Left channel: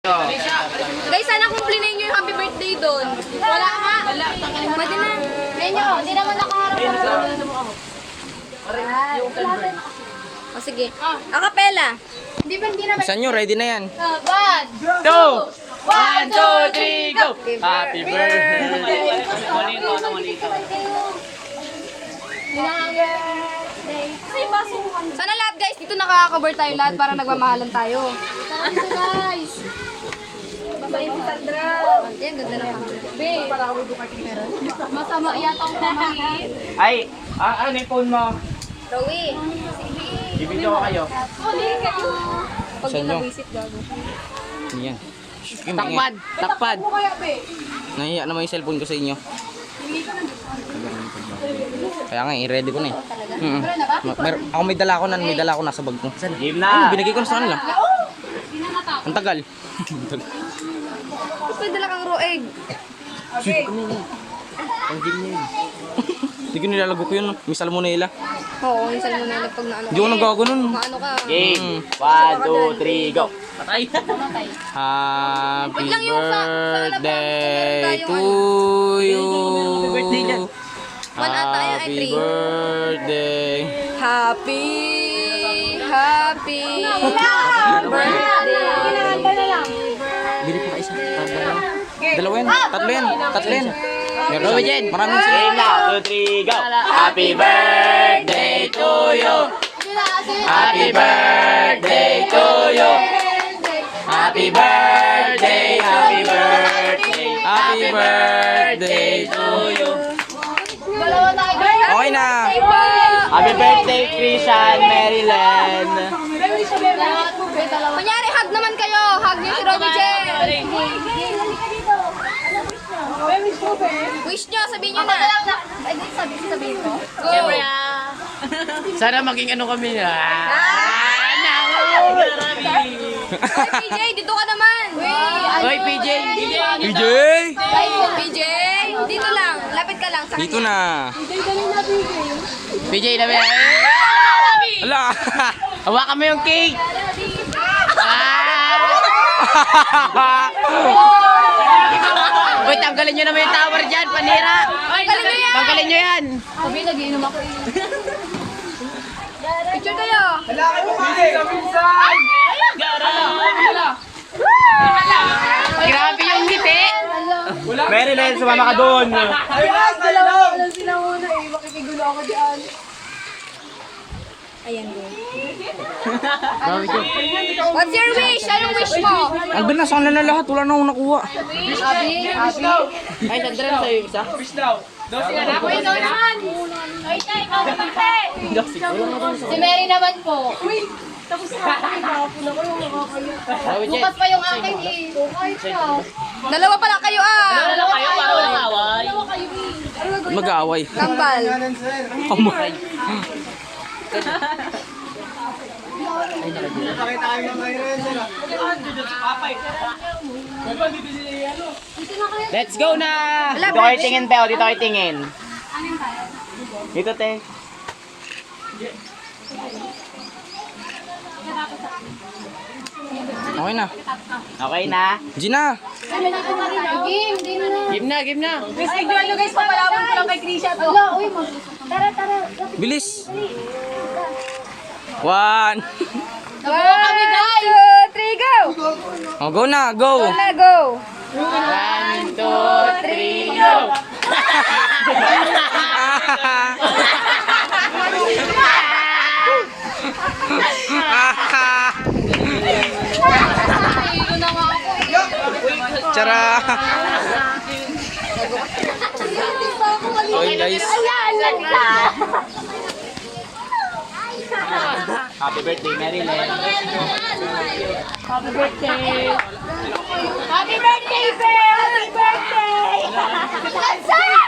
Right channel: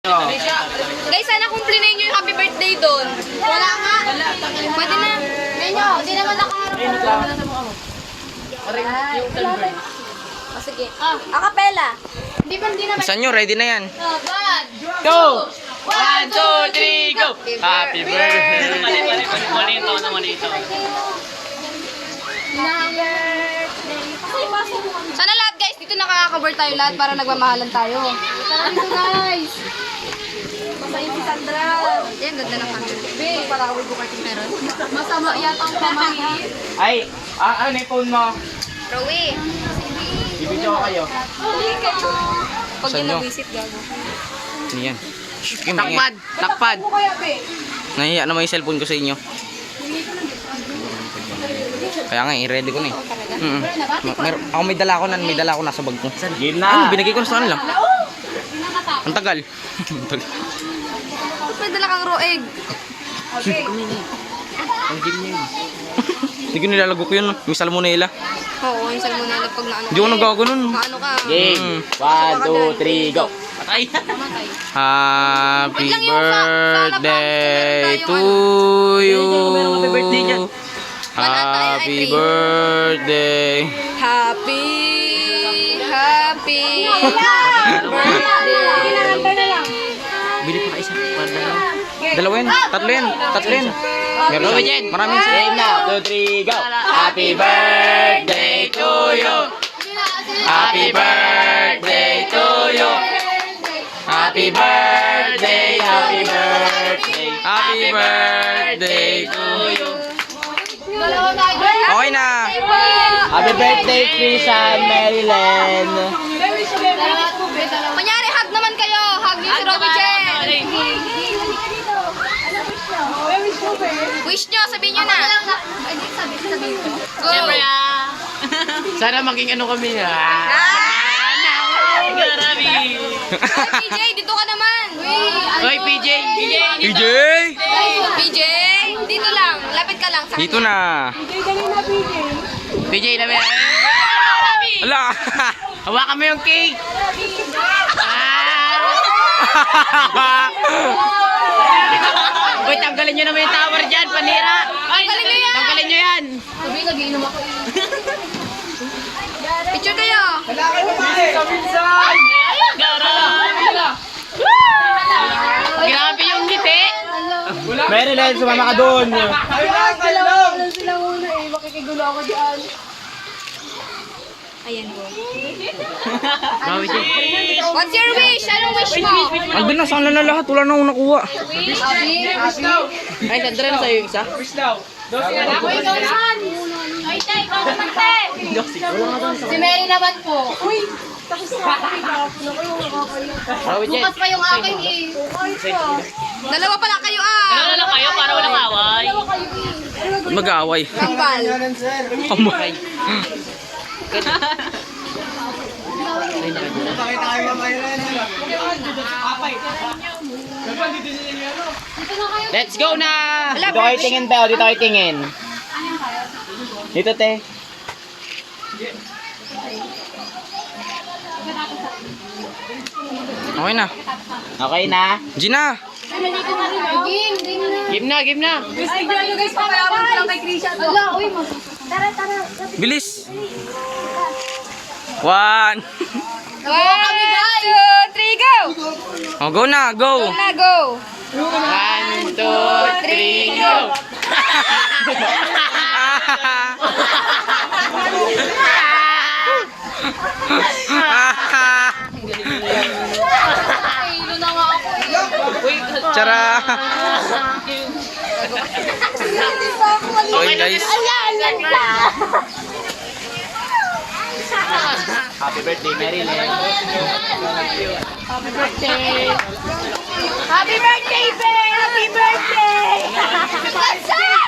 Guys, sana kumplinin nyo yung happy birthday doon. Wala nga. Pwede na. Menyo, hindi naman nakaharap. Oh, sige. Acapella. Hindi ba hindi naman? Saan nyo? Ready na yan. One. Go! One, two, three, go! Happy birthday! Sana lahat guys, dito nakaka-cover tayo lahat para nagmamahalan tayo. Dito guys. Masaya si Sandra. Yan, ganda ng kami. Be, parawi ko kay meron. Masama yata ang pamahiin. Ay, ah, ano yung phone mo? Rowie. Ibigyo ko kayo. Pag yung nyo? mag-visit gago. Hindi yan. Takpad! Takpad! Nahiya naman yung cellphone ko sa inyo. Kaya nga, i-ready ko na eh. Mm. Mer- ako may dala ko na, may dala ko nasa bag ko. Game Ano, na! binigay ko na sa kanila. Ang tagal. Ang tagal. Tapos may dala kang raw egg. Ang game niya yun. Hindi ko nilalago ko yun. May salmonella. Oo, yung salmonella pag naano. Hindi ko nagago nun. Maano ka? Game! One, two, three, go! Patay! Mamatay. Happy Wait lang yung sa- birthday meron to tayong you. Happy birthday dyan. Happy birthday. Happy, happy birthday. Bili pa isa. Para dalawa. Dalawa yan. Tatlo yan. Tatlo yan. Meron siya. Jen! Maraming Game sila. na! Two, three, go! Happy birthday to you! Happy birthday to you! Happy birthday! Happy birthday! Happy birthday to you. Okay na. Happy birthday, Christian Maryland! Kunyari, hug naman kayo. Hug niyo si Robby Jen. Wish nyo, sabihin nyo na. Sabihin ko. Go. Sana maging ano kami ah. Ay, PJ, dito ka naman. Hoy, PJ! PJ! PJ, dito lang. Lapit ka lang. Sa Dito na. PJ, labi! Ala! Hawakan mo yung cake! Uy, tanggalin nyo naman yung tower dyan, panira! Ay, galing na yan. Tanggalin nyo yan! Sabi, nagiinom ako eh. Picture kayo. Grabe yung ngiti! Maryland, sumama ka doon! Ayan go. Bawi dyan. What's your wish? Anong wish mo? Andun na, sana na lahat. Wala na akong nakuha. Abi, abi. Ay, Sandra na sa'yo yung isa? Ako ikaw naman. Ay, tay, ikaw naman, Si Mary naman po. Uy, tapos na ako. Bawi dyan. Bukas pa yung akin eh. Dalawa pala kayo ah. Dalawa kayo para walang away. Dalawa kayo Mag-aaway. Kambal. Kambal. Let's go na! Dito kayo tingin, Bel. Dito kayo tingin. Dito, te. Okay na. Okay na? Gina! Game, na. Game na. Guys, tignan nyo guys, papalaman ko lang kay Krisha to. Ala, uy, mag... Tara, tara. Bilis! One! One, two, three, go! Oh, go na, go! Go na, go! One, two, three, go! Nahilo na nga ako Tsara! Okay guys. Happy birthday, Maryland. Happy birthday, Be! Happy birthday! Let's